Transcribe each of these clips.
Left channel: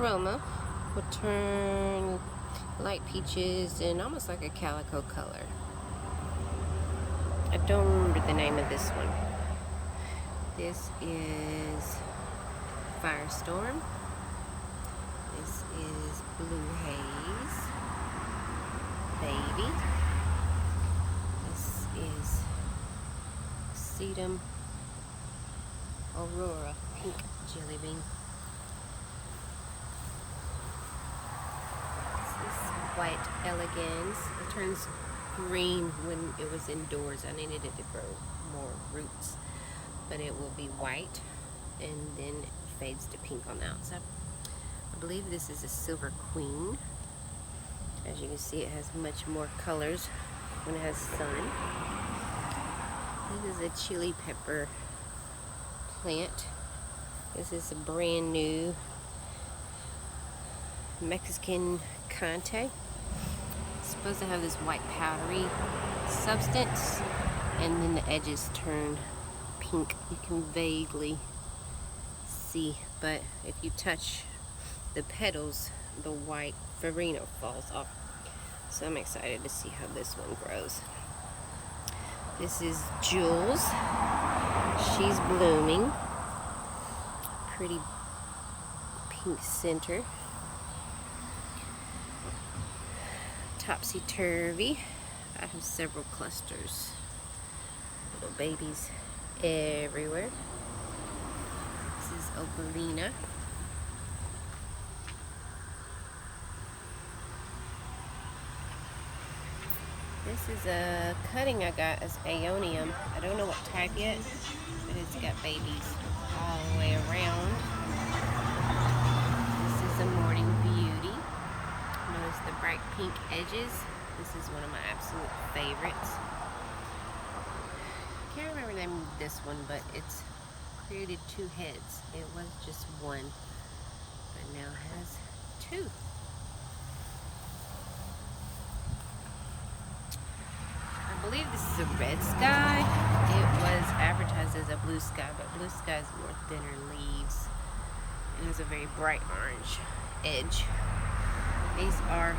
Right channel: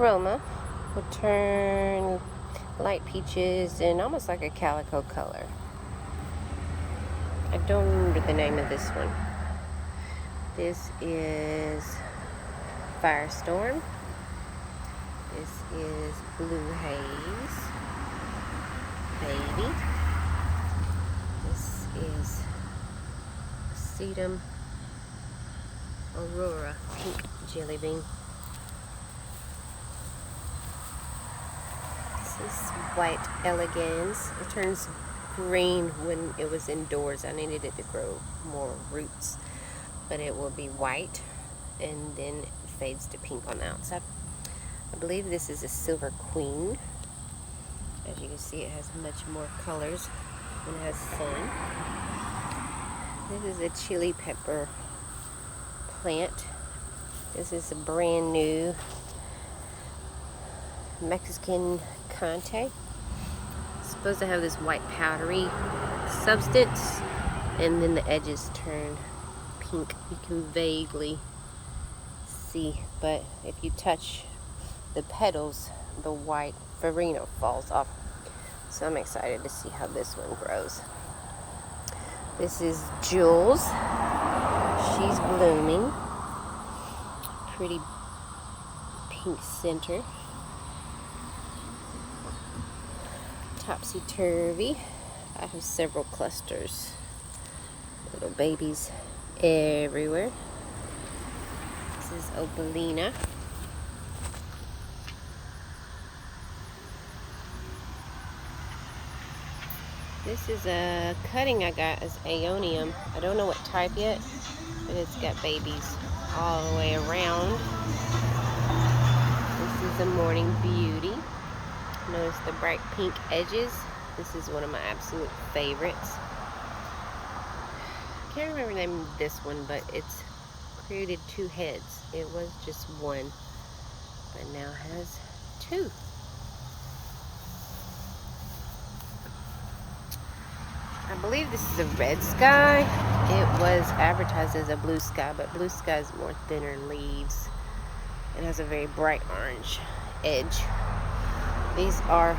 chroma will turn light peaches and almost like a calico color. I don't remember the name of this one. This is Firestorm. This is Blue Haze Baby. This is Sedum Aurora Pink Jelly Bean. This is White Elegans. It turns green when it was indoors. I needed it to grow more roots, but it will be white and then fades to pink on the outside. I believe this is a Silver Queen. As you can see, it has much more colors when it has sun. This is a chili pepper plant. This is a brand new Mexican Conte. It's supposed to have this white powdery substance, and then the edges turn pink. You can vaguely see, but if you touch the petals, the white farina falls off. So I'm excited to see how this one grows. This is Jules. She's blooming. Pretty pink center. Topsy-turvy. I have several clusters. Little babies everywhere. This is Opalina. This is a cutting I got as Aeonium. I don't know what type yet, and it's got babies all the way around. This is a Morning Beauty. Notice the bright pink edges. This is one of my absolute favorites. Can't remember the name of this one, but it's created two heads. It was just one, but now has two. I believe this is a red sky. It was advertised as a blue sky, but blue sky is more thinner leaves. It has a very bright orange edge. These are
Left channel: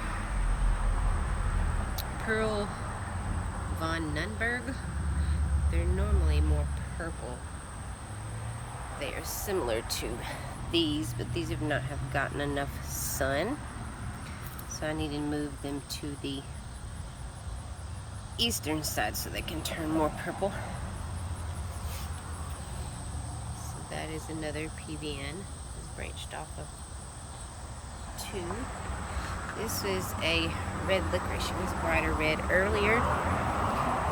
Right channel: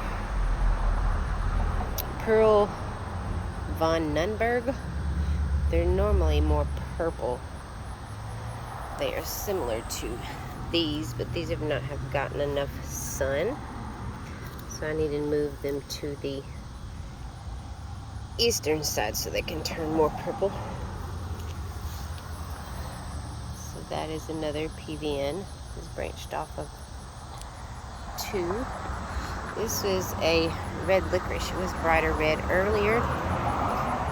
Pearl von Nunberg. They're normally more purple. They are similar to these, but these have not have gotten enough sun. So I need to move them to the eastern side so they can turn more purple. So that is another PVN. It's branched off of two. This is a red licorice. It was brighter red earlier,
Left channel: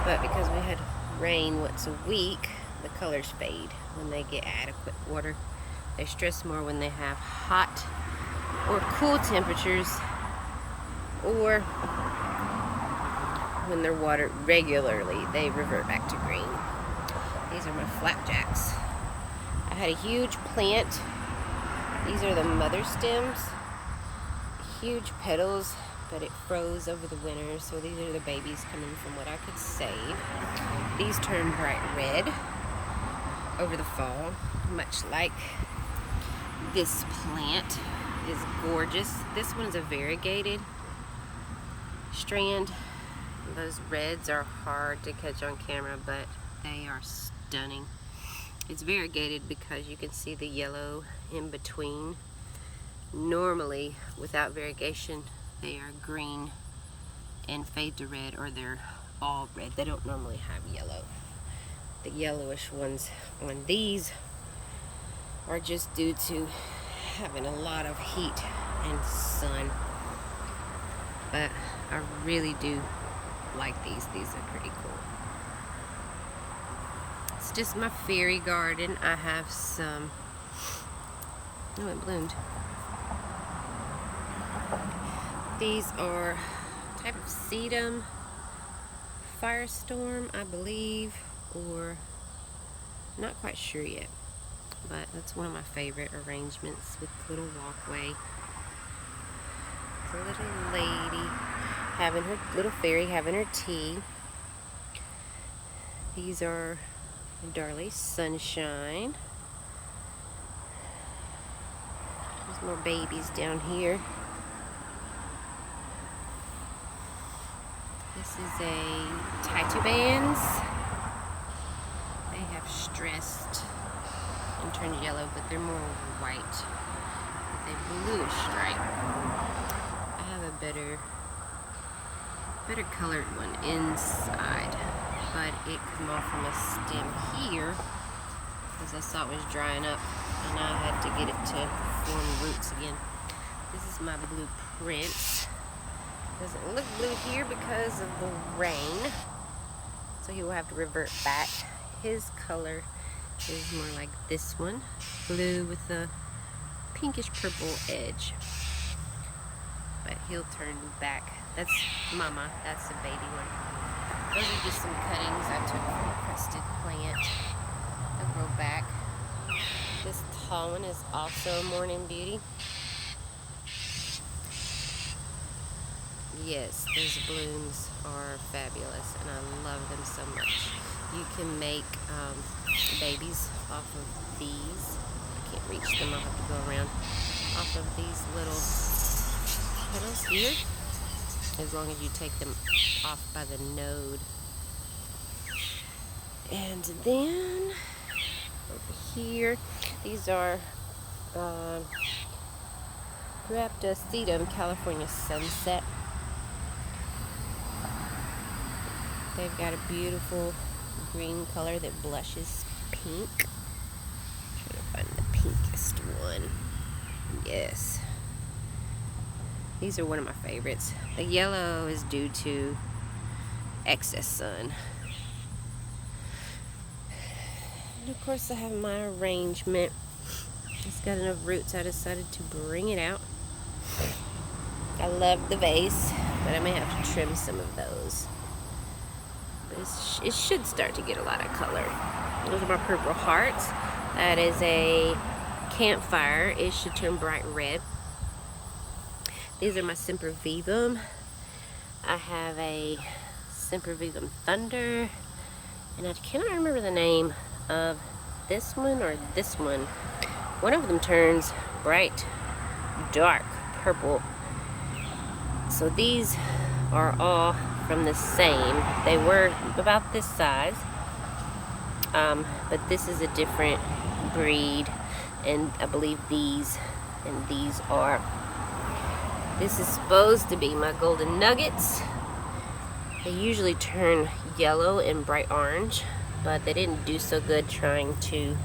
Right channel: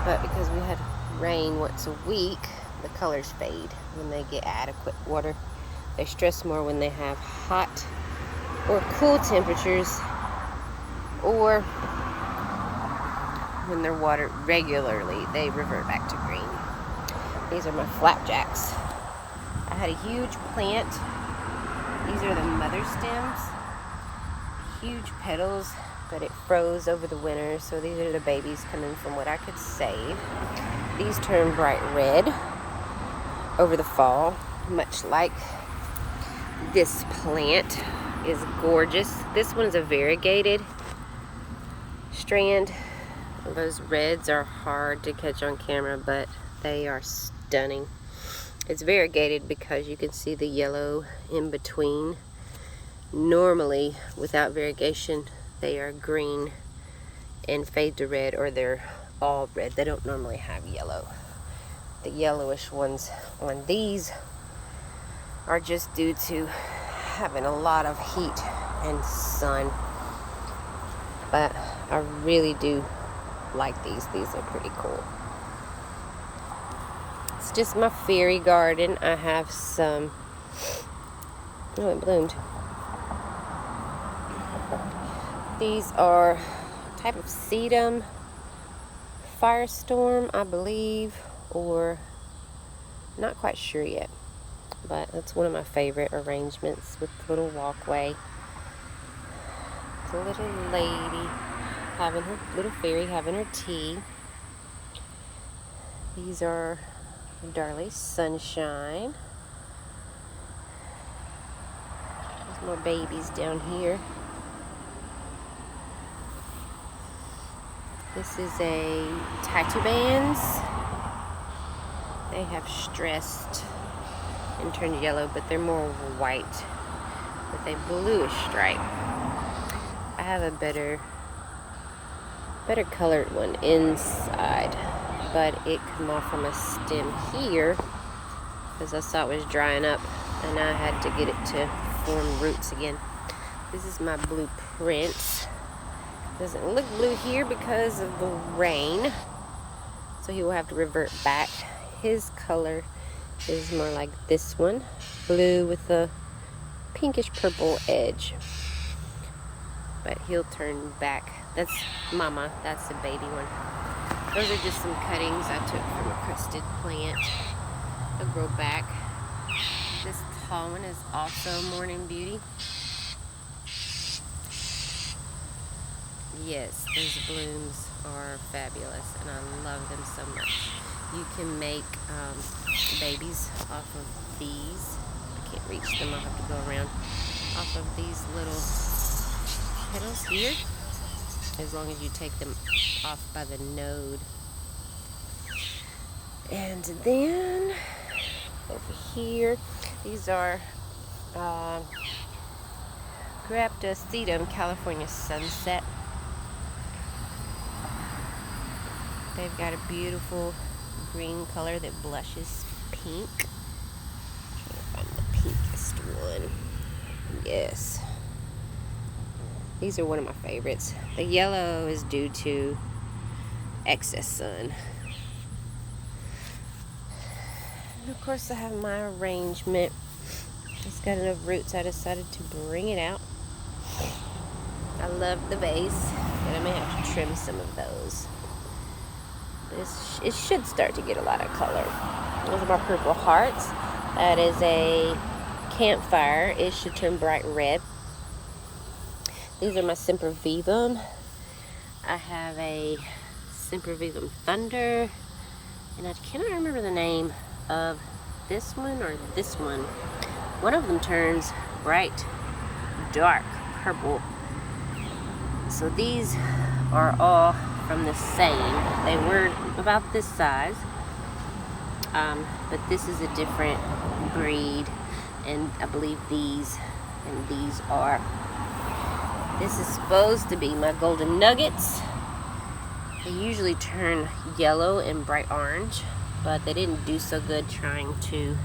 but because we had rain once a week, the colors fade when they get adequate water. They stress more when they have hot or cool temperatures, or when they're watered regularly, they revert back to green. These are my flapjacks. I had a huge plant. These are the mother stems. Huge petals, but it froze over the winter, so these are the babies coming from what I could save. These turn bright red over the fall, much like this plant is gorgeous. This one's a variegated strand. Those reds are hard to catch on camera, but they are stunning. It's variegated because you can see the yellow in between. Normally, without variegation, they are green and fade to red, or they're all red. They don't normally have yellow. The yellowish ones on these are just due to having a lot of heat and sun. But I really do like these. These are pretty cool. It's just my fairy garden. I have some, oh, it bloomed. These are a type of sedum firestorm, I believe, or not quite sure yet, but that's one of my favorite arrangements with the little walkway. The little lady having her little fairy having her tea. These are Darley Sunshine. Some more babies down here. This is a Tituban's. They have stressed and turned yellow, but they're more white with a bluish stripe. I have a better colored one inside, but it come off from a stem here because I saw it was drying up and I had to get it to form roots again. This is my blue prince. Doesn't look blue here because of the rain, so he will have to revert back. His color is more like this one, blue with a pinkish purple edge, but he'll turn back. That's mama, that's the baby one. Those are just some cuttings I took from a crusted plant. They'll grow back. This tall one is also Morning Beauty. Yes, those blooms are fabulous and I love them so much. You can make babies off of these. I can't reach them, I'll have to go around. Off of these little petals here, as long as you take them off by the node. And then over here, these are Graptosedum California Sunset. They've got a beautiful green color that blushes pink. I'm gonna find the pinkest one. Yes. These are one of my favorites. The yellow is due to excess sun. And of course I have my arrangement. It's got enough roots, I decided to bring it out. I love the vase, but I may have to trim some of those. It should start to get a lot of color. Those are my purple hearts. That is a campfire. It should turn bright red. These are my Sempervivum. I have a Sempervivum Thunder, and I cannot remember the name of this one or this one. One of them turns bright, dark purple. So these are all from the same. They were about this size, but this is a different breed, and I believe these and these are. This is supposed to be my golden nuggets. They usually turn yellow and bright orange, but they didn't do so good trying to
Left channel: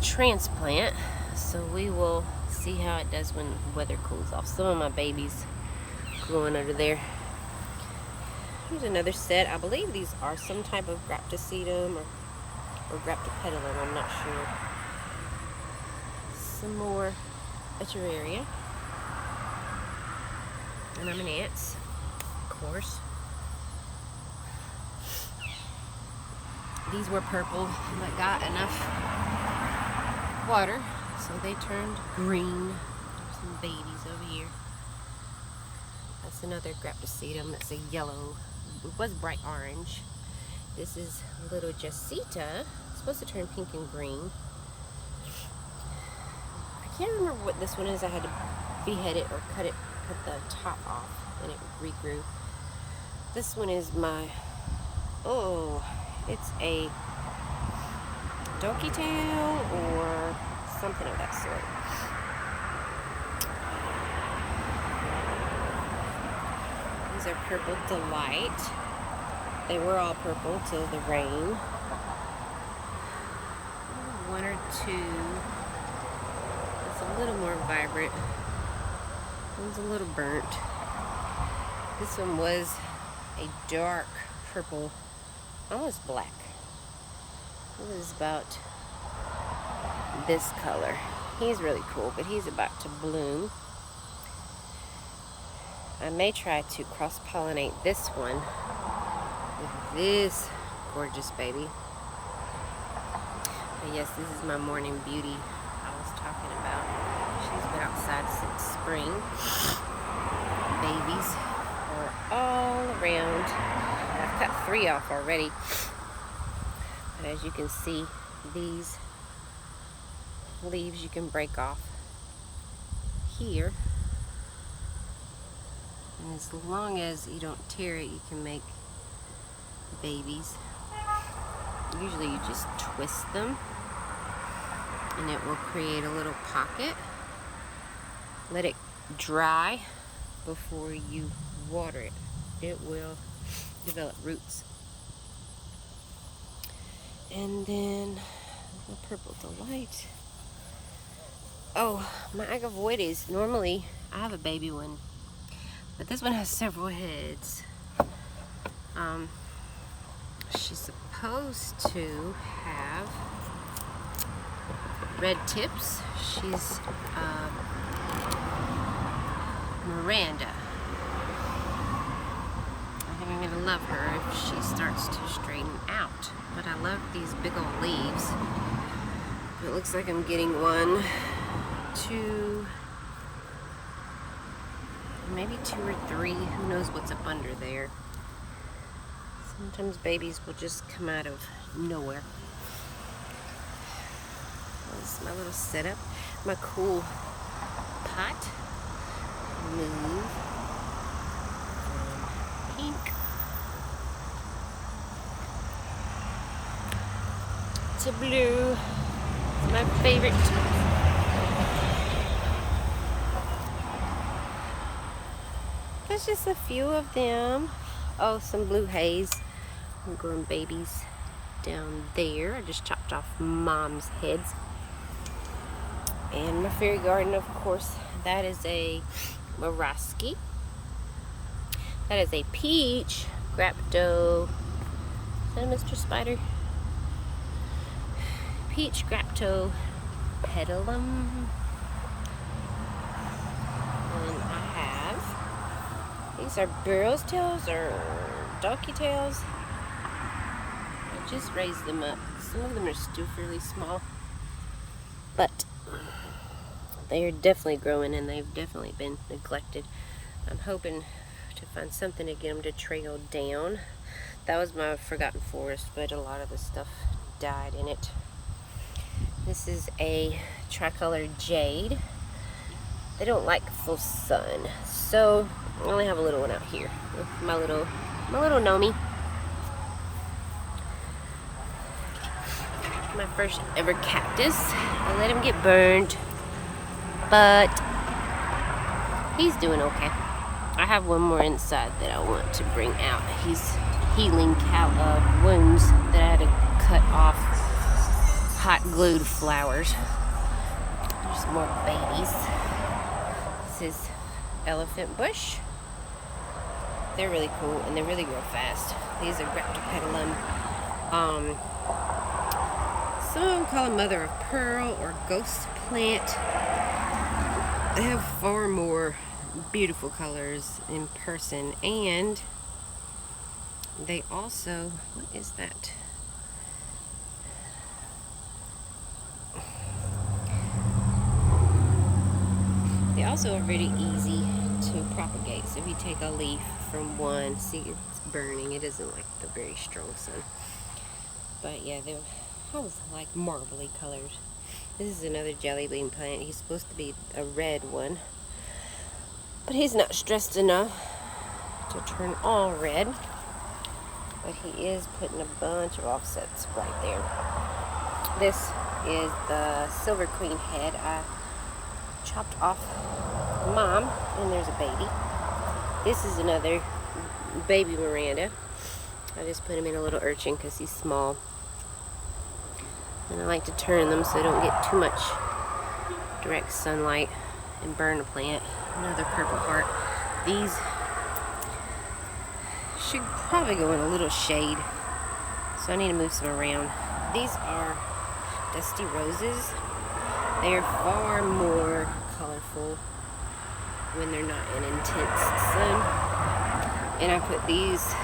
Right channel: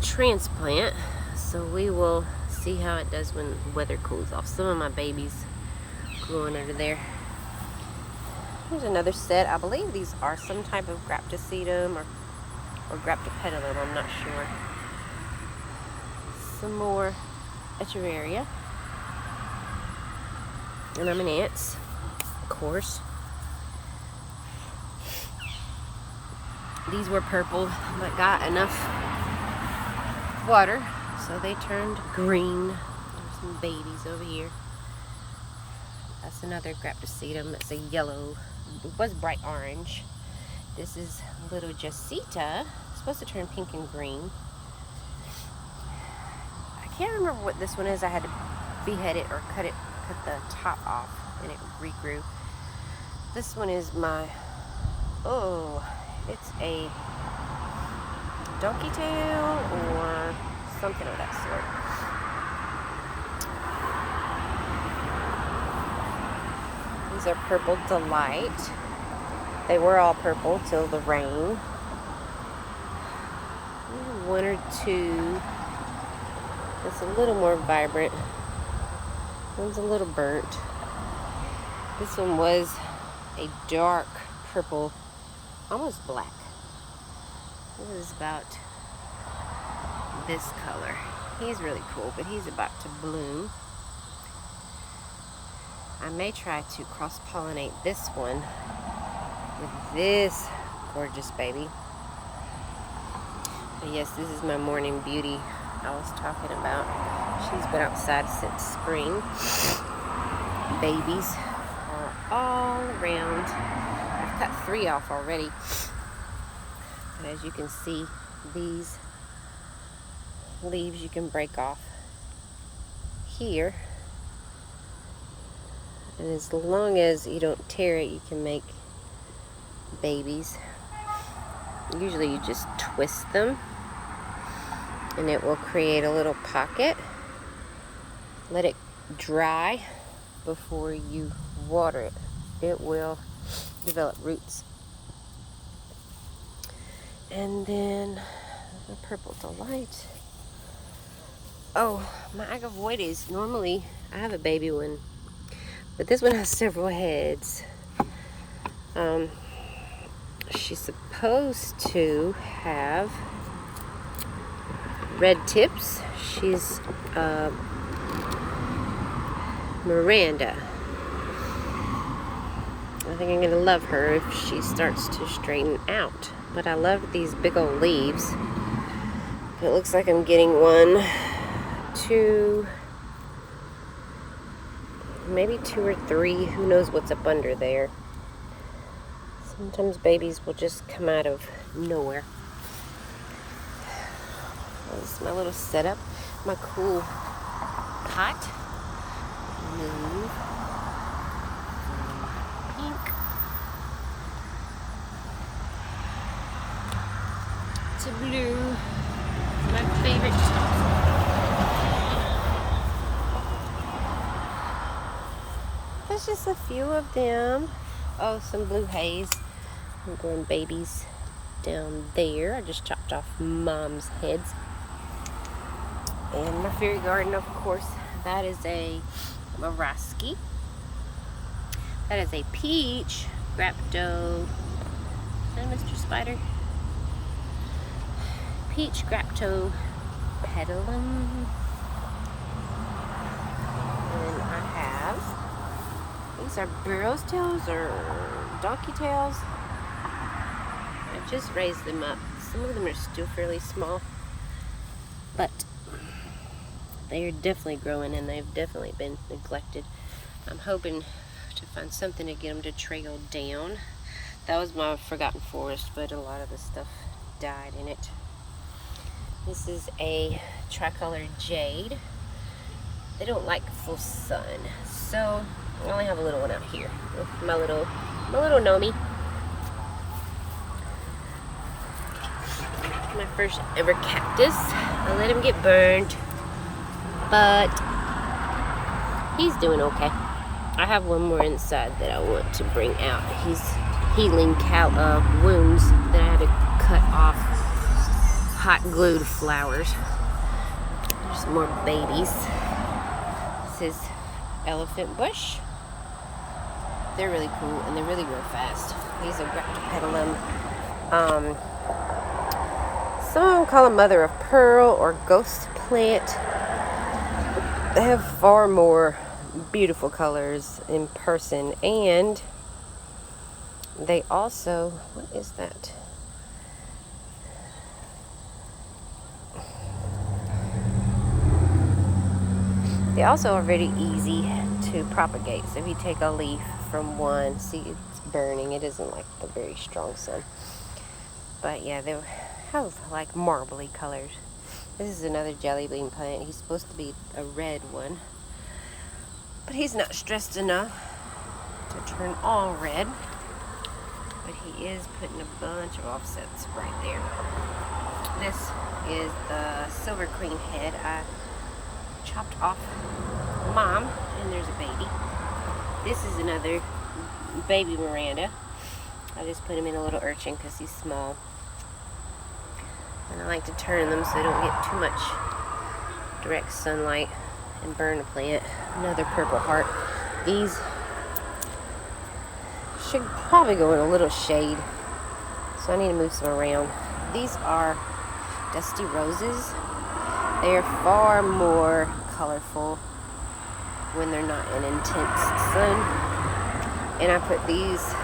transplant, so we will see how it does when weather cools off. Some of my babies growing under there. Here's another set. I believe these are some type of Graptosedum or Graptopetulum, I'm not sure. Some more Echeveria. And I'm an ants, of course. These were purple, but got enough water, so they turned green. There's some babies over here. That's another Graptosedum. That's a yellow. It was bright orange. This is little Jacinta. It's supposed to turn pink and green. I can't remember what this one is. I had to behead it or cut the top off, and it regrew. This one is my, it's a donkey tail or something of that sort. These are Purple Delight. They were all purple till the rain. One or two. It's a little more vibrant. One's a little burnt. This one was a dark purple, almost black. It was about this color. He's really cool, but he's about to bloom. I may try to cross-pollinate this one with this gorgeous baby. But yes, this is my Morning Beauty I was talking about. She's been outside since spring. Babies are all around. I've cut 3 off already. And as you can see, these leaves you can break off here. And as long as you don't tear it, you can make babies. Usually you just twist them and it will create a little pocket. Let it dry before you water it. It will develop roots. And then the Purple Delight. Oh, my Agavoides, normally I have a baby one, but this one has several heads. She's supposed to have red tips. She's Miranda. I think I'm going to love her if she starts to straighten out. But I love these big old leaves. It looks like I'm getting 1, 2, maybe 2 or 3. Who knows what's up under there. Sometimes babies will just come out of nowhere. That's my little setup. My cool pot. Move from pink to blue. It's my favorite. There's just a few of them. Oh, some blue haze. I'm growing babies down there. I just chopped off mom's heads. And my fairy garden, of course, that is a Maraski. That is a peach grapto. Is that Mr. Spider? Peach grapto petalum. And I have, these are burro's tails or donkey tails. I just raised them up. Some of them are still fairly small, but they are definitely growing and they've definitely been neglected. I'm hoping to find something to get them to trail down. That was my forgotten forest, but a lot of the stuff died in it. This is a tricolor jade. They don't like full sun, so I only have a little one out here with my little Nomi. My first ever cactus. I let him get burned, but he's doing okay. I have one more inside that I want to bring out. He's healing wounds that I had to cut off hot glued flowers. There's more babies. This is elephant bush. They're really cool and they really grow fast. These are graptopetalum. Some of them call them mother of pearl or ghost plant. They have far more beautiful colors in person, and they also, what is that? They also are very easy to propagate. So if you take a leaf from one, see it's burning. It isn't like the very strong sun. But yeah, they have like marbly colors. This is another jelly bean plant. He's supposed to be a red one, but he's not stressed enough to turn all red. But he is putting a bunch of offsets right there. This is the Silver Queen head. I chopped off mom, and there's a baby. This is another baby Miranda. I just put him in a little urchin because he's small. And I like to turn them so they don't get too much direct sunlight and burn the plant. Another purple heart. These should probably go in a little shade, so I need to move some around. These are dusty roses. They are far more colorful when they're not in intense sun. And I put these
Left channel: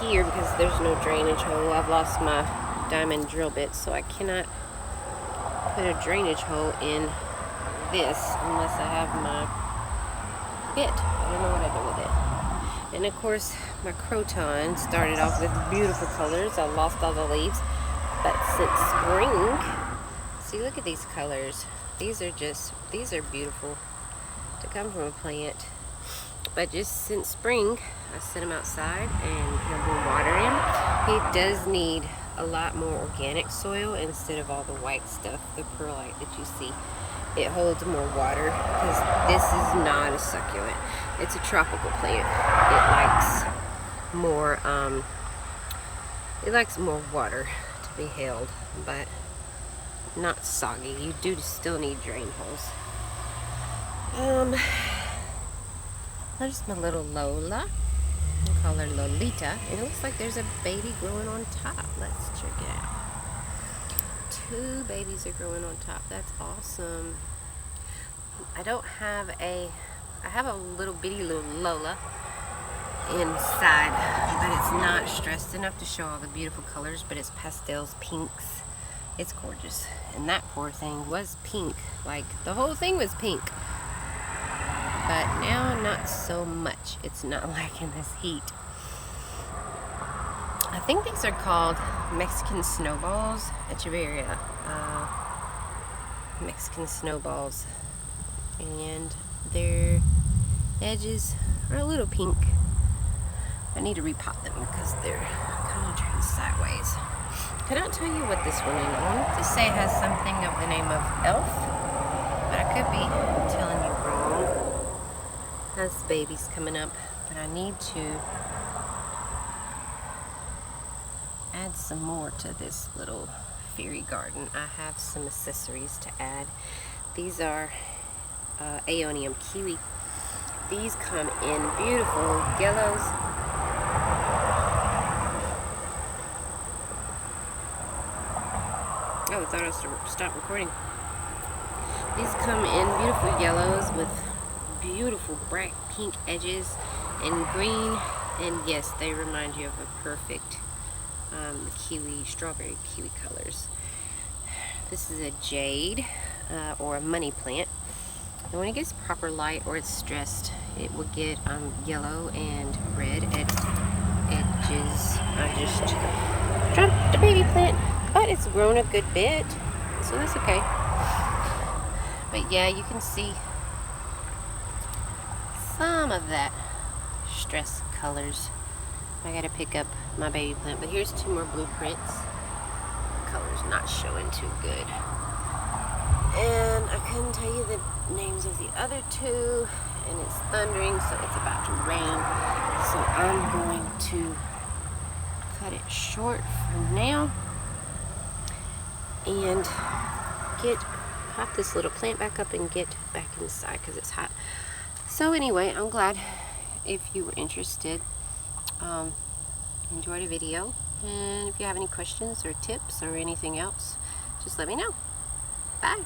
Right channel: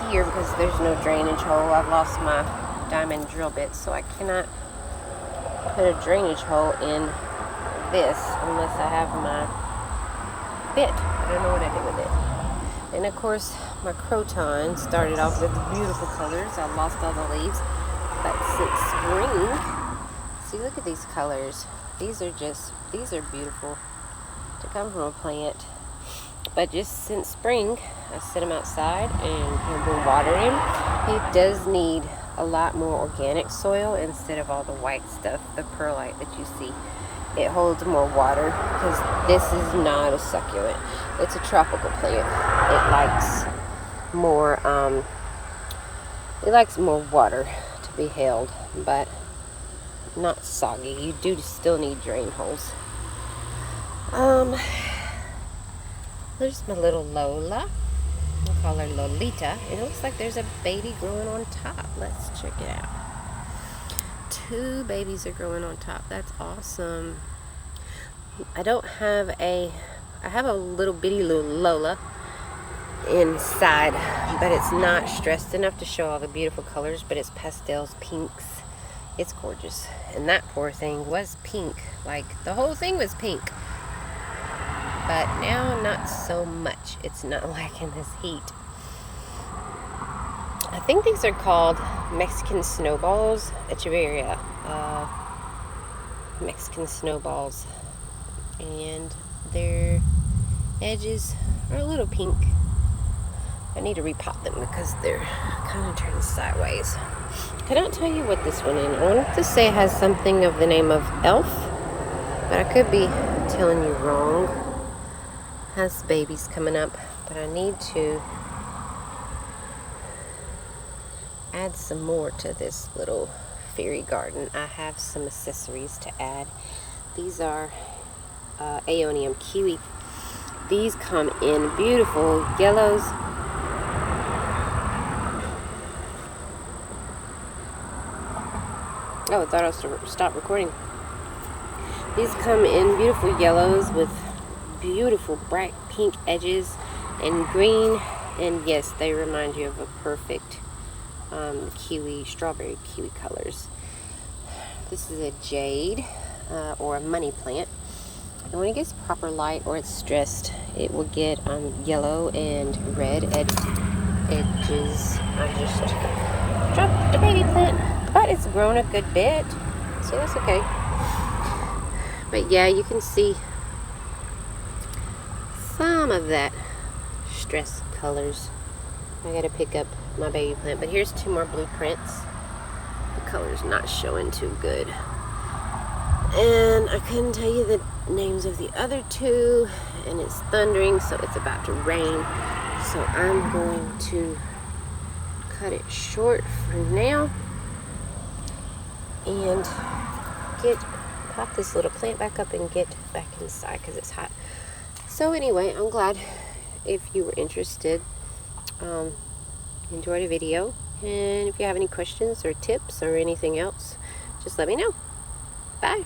here because there's no drainage hole. I've lost my diamond drill bit, so I cannot put a drainage hole in this unless I have my bit. I don't know what I did with it. And of course, my croton started off with beautiful colors. I lost all the leaves, but since spring, See, look at these colors. These are beautiful to come from a plant. But just since spring, I set him outside and I've been watering him. He does need a lot more organic soil instead of all the white stuff, the perlite that you see. It holds more water because this is not a succulent. It's a tropical plant. It likes more water to be held, but not soggy. You do still need drain holes. There's my little Lola. I'll call her Lolita. It looks like there's a baby growing on top. Let's check it out. 2 babies are growing on top. That's awesome. I have a little bitty little Lola inside, but it's not stressed enough to show all the beautiful colors, but it's pastels, pinks. It's gorgeous. And that poor thing was pink. Like, the whole thing was pink. But now, not so much. It's not liking this heat. I think these are called Mexican snowballs. Echeveria. Mexican snowballs. And their edges are a little pink. I need to repot them because they're kind of turned sideways. Cannot tell you what this one is. I wanted to say it has something of the name of Elf, but I could be telling you wrong. Has babies coming up, but I need to add some more to this little fairy garden. I have some accessories to add. These are Aeonium kiwi. These come in beautiful yellows. Oh, I thought I was stop recording. These come in beautiful yellows with beautiful bright pink edges and green, and yes, they remind you of a perfect strawberry kiwi colors. This is a jade or a money plant, and when it gets proper light or it's stressed, it will get yellow and red edges. I just dropped the baby plant, but it's grown a good bit, so that's okay. But yeah, you can see some of that stress colors. I gotta pick up my baby plant, but here's 2 more blueprints. The color's not showing too good, and I couldn't tell you the names of the other 2, and it's thundering, so it's about to rain, so I'm going to cut it short for now and pop this little plant back up and get back inside because it's hot. So anyway, I'm glad if you were interested. Enjoy the video, and if you have any questions or tips or anything else, just let me know. Bye.